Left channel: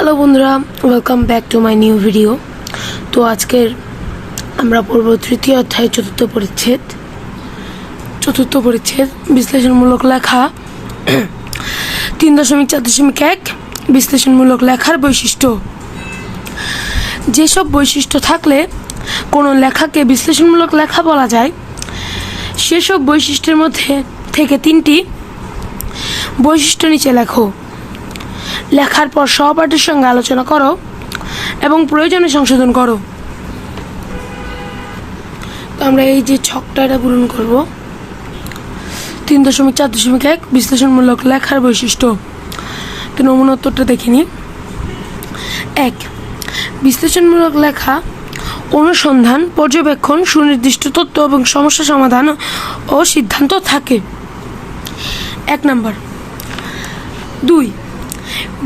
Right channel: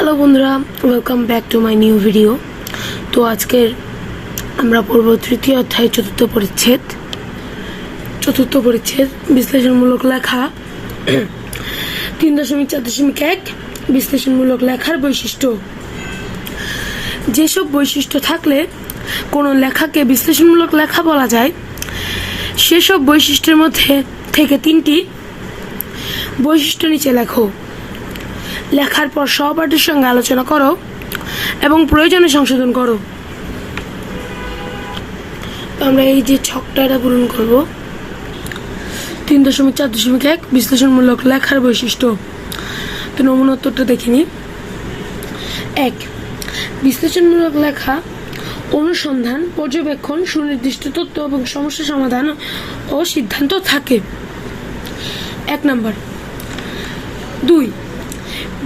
Hello বন্ধুরা, welcome back to my new video. তো আজকের আমরা পড়ব তৃতীয় অধ্যায় চতুর্থ পরিচ্ছেদ বিশ্লেষণমূলক লেখা 3.4.1 বিশ্লেষণমূলক লেখার বৈশিষ্ট্য। যেসব বৈশিষ্ট্য থাকলে কোনো লেখাকে বিশ্লেষণমূলক লেখা বলা যায়, সেসব বৈশিষ্ট্যের মধ্যে থেকে 3টি বৈশিষ্ট্য নিচে লেখো। লেখার পর সহপাঠীর সঙ্গে আলোচনা করো এবং প্রয়োজনে সংশোধন করো। তো আমরা এই যে ছকটা পূরণ করব। 3.4.1 বিশ্লেষণমূলক লেখার বৈশিষ্ট্য। তো নমুনা উত্তরটা দেখিনি। 1. বিশ্লেষণমূলক লেখা অনুসন্ধান, পর্যবেক্ষণ, সুনির্দিষ্ট তথ্য এবং সমস্যা সমাধান ও সিদ্ধান্ত থাকে। 1 নাম্বার। 2.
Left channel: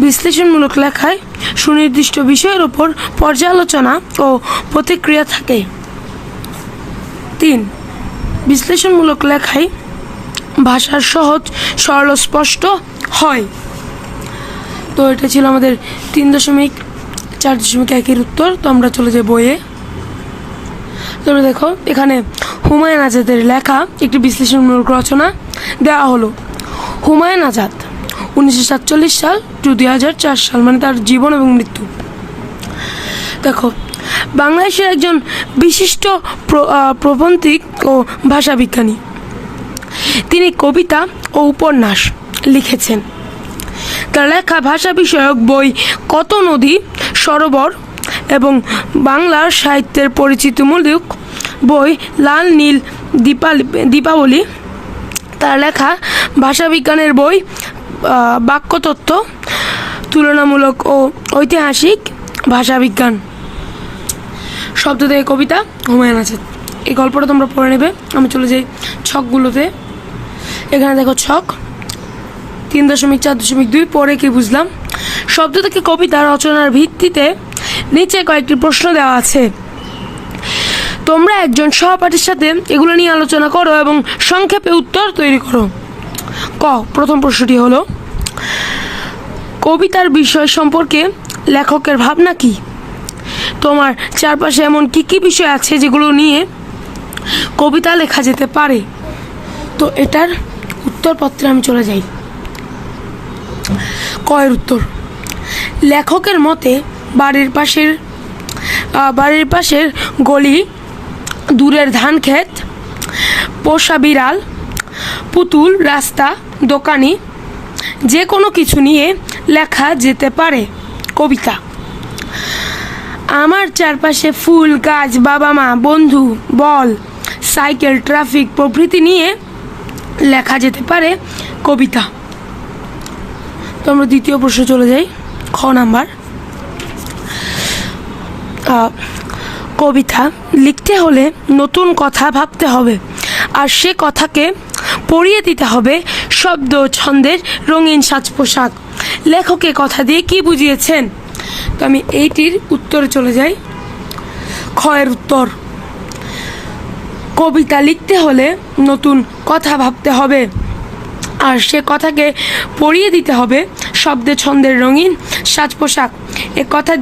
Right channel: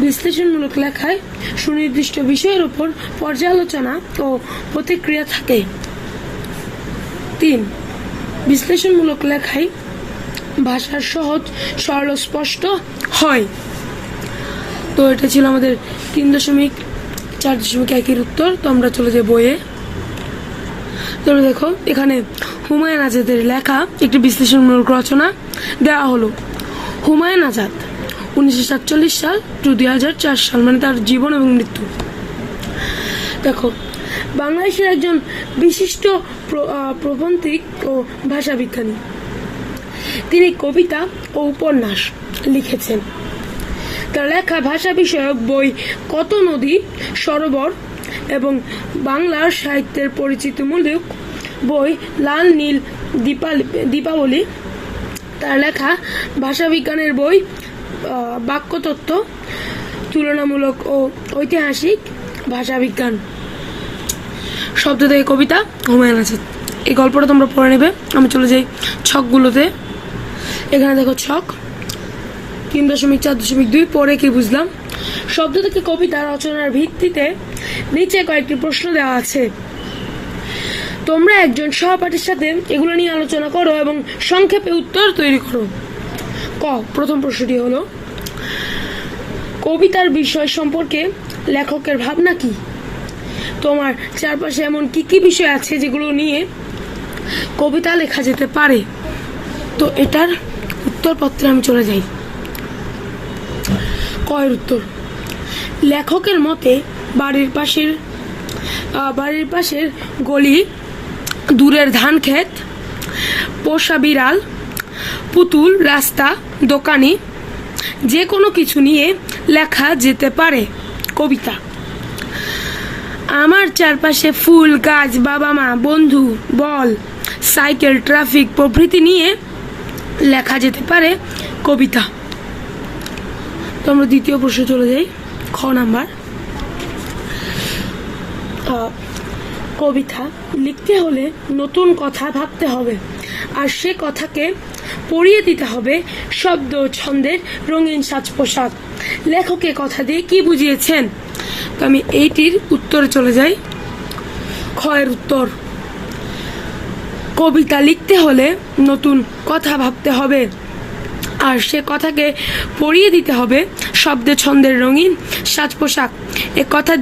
বিশ্লেষণমূলক লেখায় সুনির্দিষ্ট বিষয়ের উপর পর্যালোচনা ও প্রতিক্রিয়া থাকে। 3. বিশ্লেষণমূলক লেখায় ভাষার সহজ, সরল ও স্পষ্ট হয়। তো এটা ছিল আমাদের 3.4.1 উত্তর। তো আমরা চলে যাই বইয়ে। তোমরা দেখো, এখানে হুমায়ুন আজাদের লেখা একটি বিশ্লেষণমূলক রচনা দেওয়া হলো। হুমায়ুন আজাদ 1947 সাল টু 2004 সাল, মানে তার জীবন এবং মৃত্যু। দেখো, বাংলাদেশের একজন বিশিষ্ট প্রবন্ধিক ও ভাষাবিজ্ঞানী। তিনি কবিতা ও উপন্যাস লিখেছেন। তার লেখা ভাষা বিষয়ক বই কত নদী সরোবর এবং বাংলা সাহিত্যের পরিচিতিমূলক বই লাল নীল দীপাবলি। তার লেখা ভাষাবিজ্ঞানের বই বাক্যতত্ত্ব, তুলনামূলক ও ঐতিহাসিক ভাষাবিজ্ঞান। শব্দ থেকে কবিতা, হুমায়ুন আজাদ। এই গল্পটা তোমরা পড়ে নেবে। আমি চলে যাই ছকগুলোতে। এখানে দেখো ছক 3.4.2 পরে কি বুঝলাম। শব্দ থেকে কবিতা রচনার ভিত্তিতে নিচে কয়েকটি প্রশ্ন দেওয়া আছে। তোমরা একজন সহপাঠীর সাথে এগুলো নিয়ে আলোচনা করো এবং সংক্ষেপে উত্তর তৈরি করো। প্রথম প্রশ্নটি হলো, কবিতার বিষয় সম্পর্কে লেখকের ভাবনা কি? তোমার চারপাশে এমন কি কি বিষয় আছে যেগুলো নিয়ে কবিতা লেখা যেতে পারে? তো এটার উত্তরপত্রে আমি চলে যাই। এর উত্তর, লেখকের মতে বাড়ির পাশের গলি, দূরের ধান ক্ষেত, পোষা বিড়াল, পুতুল, রাস্তা, দোকানি, যে কোনো কিছু নিয়ে লেখা যেতে পারে কবিতা। আমার চারপাশে ফুল, গাছ, বাবা মা, বন্ধু, বল, সাইকেল, ট্রাফিক প্রভৃতি নিয়ে লেখা যেতে পারে কবিতা। তো আমরা দ্বিতীয় প্রশ্ন চলে যাই। খ নাম্বার। কবিতা লিখতে হলে নতুন কথা ভাবতে হবে, আর সে কথাকে পড়িয়ে দিতে হবে শব্দ ছন্দের রঙিন সাজ পোশাক। লেখকে কথা দিয়ে কি বুঝিয়েছেন? তো আমি এইটির উত্তরে চলে যাই। খ এর উত্তর, কবিতা লিখতে হলে নতুন কথা ভাবতে হবে, আর সে কথাকে পড়িয়ে দিতে হবে শব্দে ছন্দের রঙিন সাজ পোশাক। এই কথা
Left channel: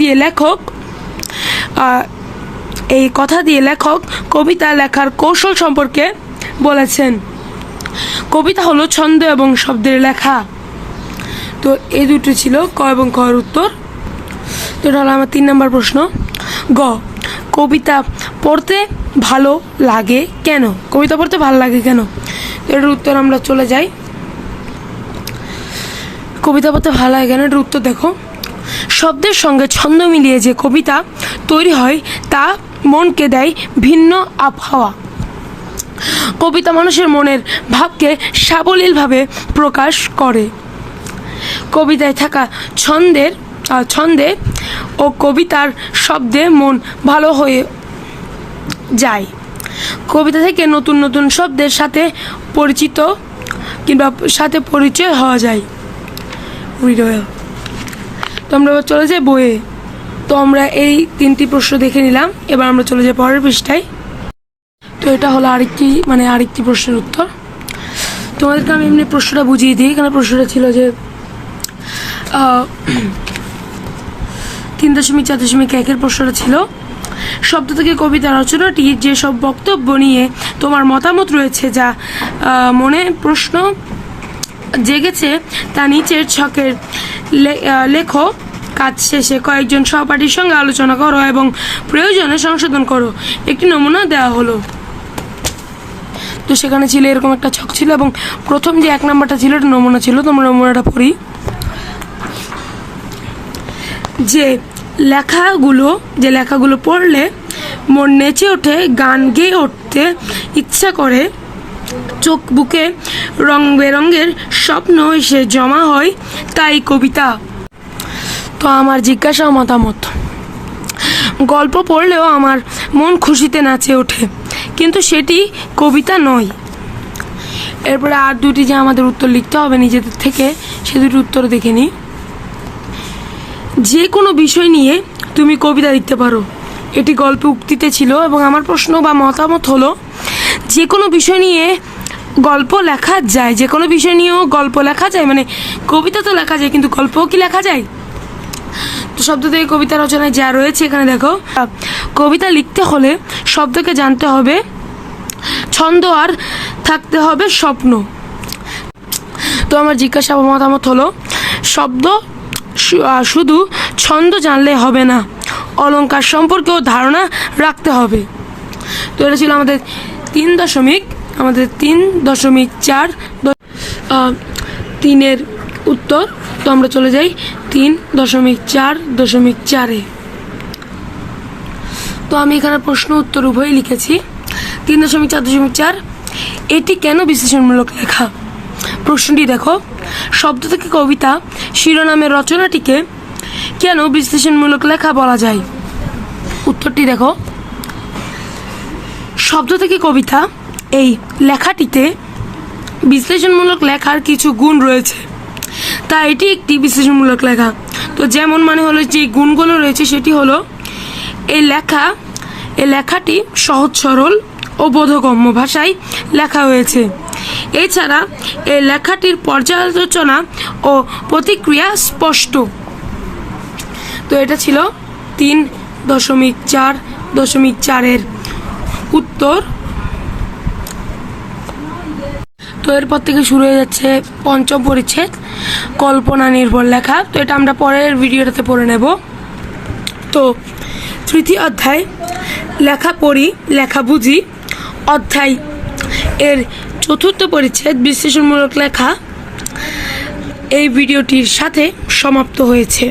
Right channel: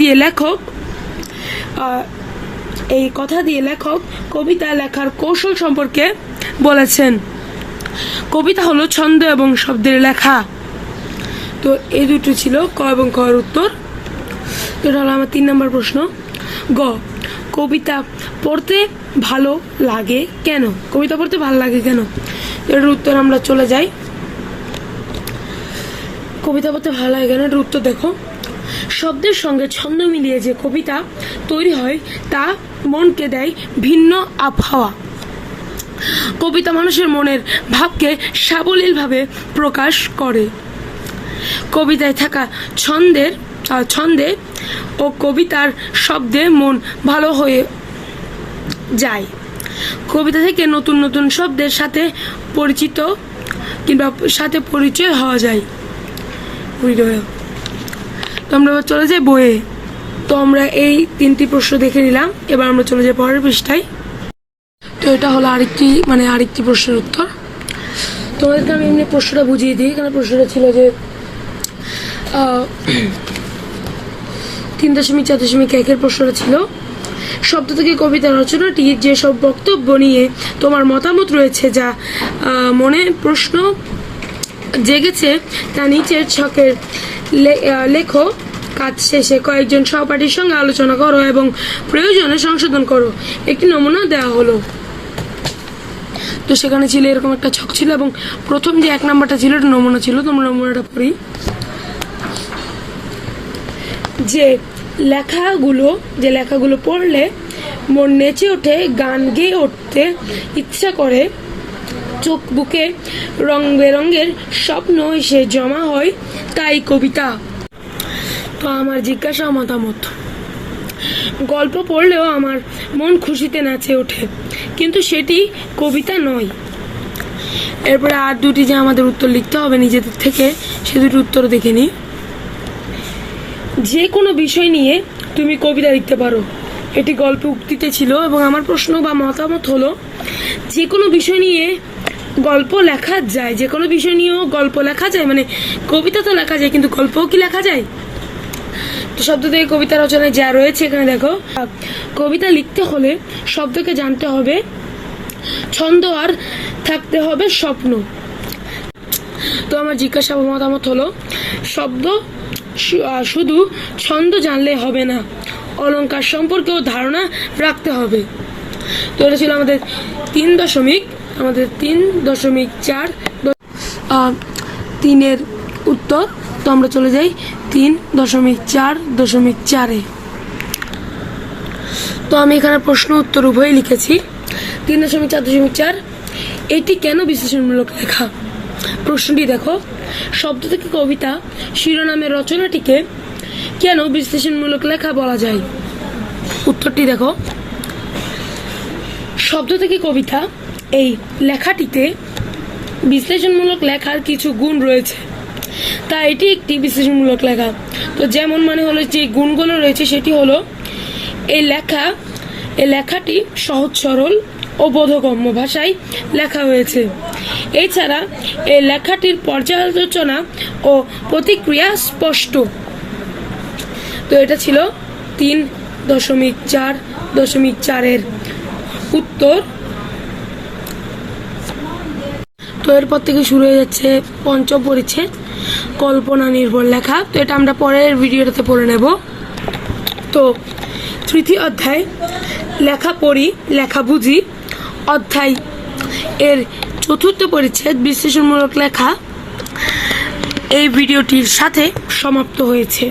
দিয়ে লেখক কবিতা লেখার কৌশল সম্পর্কে বলেছেন। কবিতা হলো ছন্দ এবং শব্দের লেখা। তো এই দুটো ছিল ক এবং খ এর উত্তর। তো এটা হলো আমার 3 নম্বর প্রশ্ন। গ, কবিতা পড়তে ভালো লাগে কেন? কবিতা পড়তে ভালো লাগে কেন? এর উত্তর আমরা চলে যাই। কবিতা পড়তে ভালো লাগে কেন, এটার উত্তর দেখো। শব্দের সঙ্গে ছন্দ মিলিয়ে যে কবিতা তৈরি হয় তা মনকে দেয় ভিন্ন আবহাওয়া। কবিতা মানুষের মনের ভাবকে সাবলীলভাবে প্রকাশ করে। কবিতায় থাকা ছন্দে ও কবিতার শব্দে মন ভালো হয়ে যায়। কবিতা থেকে নতুন নতুন শব্দের সাথে পরিচয় হওয়া যায়। তো আমরা চলে যাই বইয়ে। তো আমরা এই 3টি প্রশ্ন দেখে নিলাম। এবার আমরা চলে যাই পরের পৃষ্ঠায়। তো এটা হলো আরেকটি প্রশ্নের উত্তর। তোমাদেরকে আমি এমনি প্রশ্নটা বুঝিয়ে দিই। এখানে প্রশ্নটা ছিল যে 3.4.1 প্রশ্নটা ছিল, শব্দ থেকে কবিতা রচনাটি যেসব বক্তব্য নিয়ে তোমার মতামত রয়েছে যা মনে প্রশ্ন জেগেছে তা নিচের ছকের লেখো। কাজ শেষে কয়েকজন সহপাঠীর সঙ্গে আলোচনা করো এবং প্রয়োজনে সংশোধন করো। একটি নমুনা দেওয়া হলো। তো সেখানে ছিল এরকম একটা ছক ছিল এবং প্রথম যে 1 নাম্বারটা ছিল এটা নমুনা ছিল। তোমরা নমুনাটা পড়ি। যে লেখাগুলো পড়লে মন নেচে ওঠে, গান গেয়ে উঠতে ইচ্ছা করে, চোখ বুকে রং বেরঙের স্বপ্ন এসে জমা হয়, তাই কবিতা। তো আমার জিজ্ঞাসা ও মতামত, গল্প পড়লেও আমার মন খুশিতে নাচে ওঠে, কিন্তু সেটি কবিতা নয়। এরপরে আর দুটি যে আমাদের উত্তর লিখতে হবে নিজেদের থেকে, সে দুটি উত্তর দেখে নিই। যে কোনো বিষয় নিয়ে তুমি কবিতা লিখতে পারো, এটি গল্পে উক্তিতে ছিল এবং আমার প্রশ্ন বা মতামত হলো যে কোনো বিষয় নিয়ে গল্প লেখা যায়। যে কোনো বিষয় নিয়েও গল্প লেখা যায়, মানে কবিতা তো লেখা যায় কিন্তু গল্পও কি লেখা যায়? তো শব্দ থেকে কবিতা রচনায় যা রয়েছে এখানে দেখো, কবিতা লিখতে হলে শব্দকে জানতে হবে, ছন্দ আর থাকতে হবে স্বপ্ন। তো আমার জিজ্ঞাসা বা মতামত হলো শব্দ শুধু ছন্দ জানলে হবে না, অলংকার সম্পর্কেও ধারণা রাখতে হবে। তো এটা ছিল আমাদের 3.4 উত্তর। তো আমরা চলে যাই 3.4.4-এ। তো আমি এখানে প্রশ্ন উত্তর উভয় লিখেছি। 3.4.4 এটি কেন বিশ্লেষণমূলক লেখা? প্রশ্নটি দেখো, শব্দ থেকে কবিতা শিরোনামের রচনাটিকে কেন বিশ্লেষণমূলক লেখা বলা যায়? উত্তরটি দেখো, শব্দ থেকে কবিতা এই লেখাটিতে বিশ্লেষণমূলক লেখার কিছু গুণ রয়েছে, তাই এটি একটি বিশ্লেষণমূলক লেখা। তো যেমন মানে হলো যে গুণগুলো রয়েছে সেটি হলো এই লেখাটি সহজ সরল ও বোধগম্য ভাষায় লেখা হয়েছে। এছাড়া এই লেখাটির পর্যালোচনা ও প্রতিক্রিয়া স্পষ্ট। তো এটা ছিল 3.4.4-এর উত্তর। তো এরপর থেকে শুরু হয়ে যাচ্ছে পঞ্চম পরিচ্ছেদ, কল্পনা নির্ভর লেখা। তো এটা আমরা পরের ভিডিওটাতে পড়ে নেব। তো তৃতীয় অধ্যায়, লেখা পড়ি লেখা বুঝি অধ্যায় এর চতুর্থ পরিচ্ছেদ, বিশ্লেষণমূলক লেখা, এই ভিডিওটির সাথে সমাপ্ত হয়েছে।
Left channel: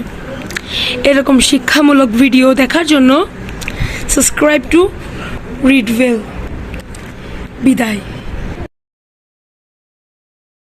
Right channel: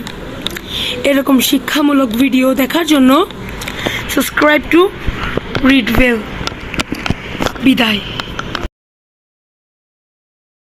এরকম শিক্ষামূলক ভিডিও দেখার জন্য সাবস্ক্রাইব টু রিড ওয়েল। বিদায়।